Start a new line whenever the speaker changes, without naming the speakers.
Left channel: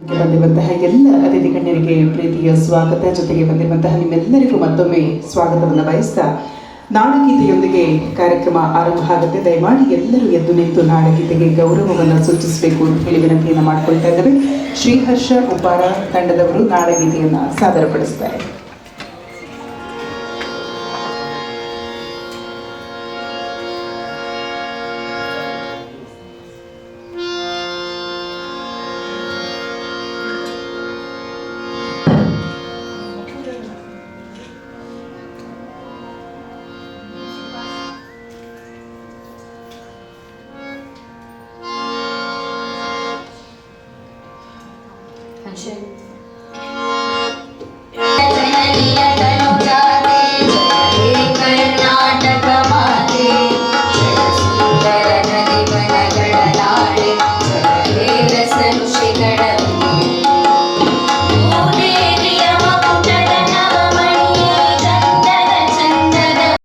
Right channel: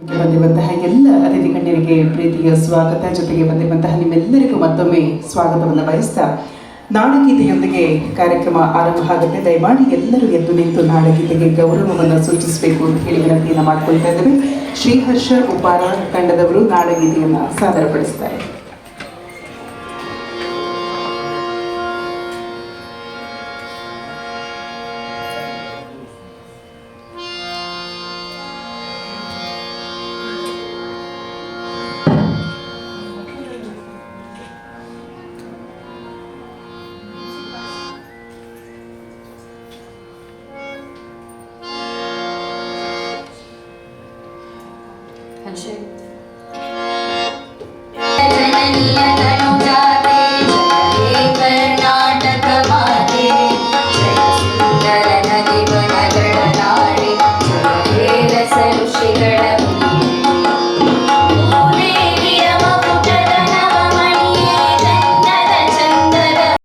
ಬಂದಿರುವಂತಹ ಎಲ್ಲ ಅತಿಥಿ ಗಣ್ಯರಿಗೆ ಪ್ರೀತಿಯ ಸ್ವಾಗತ. ಜೊತೆಗೆ ಬಂದಿರುವಂತಹ ನಿಮ್ಮೆಲ್ಲರಿಗೂ ಮತ್ತೊಮ್ಮೆ ಸ್ವಾಗತವನ್ನು ಬಯಸ್ತಾ ನಾಡಗೀತೆಯೊಂದಿಗೆ ಕಾರ್ಯಕ್ರಮ ಆರಂಭ ಆಗುತ್ತೆ. ದಯಮಾಡಿ ಎಲ್ಲರೂ ಎದ್ದು ನಿಂತು ನಾಡಗೀತೆಗೆ ಗೌರವವನ್ನು ಸೂಚಿಸಬೇಕು ಅಂತ ಹೇಳಿ ವಿನಂತಿಯನ್ನು ಮಾಡ್ಕೊಳ್ತಾ ಇದ್ದಾರೆ ಶ್ರೀಹರ್ಷ ಉಪಾರ ತಂಡದವರು ನಾಡಗೀತೆಯನ್ನು ಸಾದರಪಡಿಸ್ತಾರೆ.
Thank you.